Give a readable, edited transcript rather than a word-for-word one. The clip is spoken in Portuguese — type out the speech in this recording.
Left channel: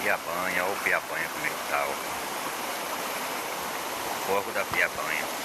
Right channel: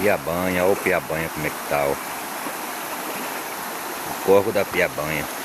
Piabanha, ó o Piabanha como é que tá, ó. O corvo da Piabanha.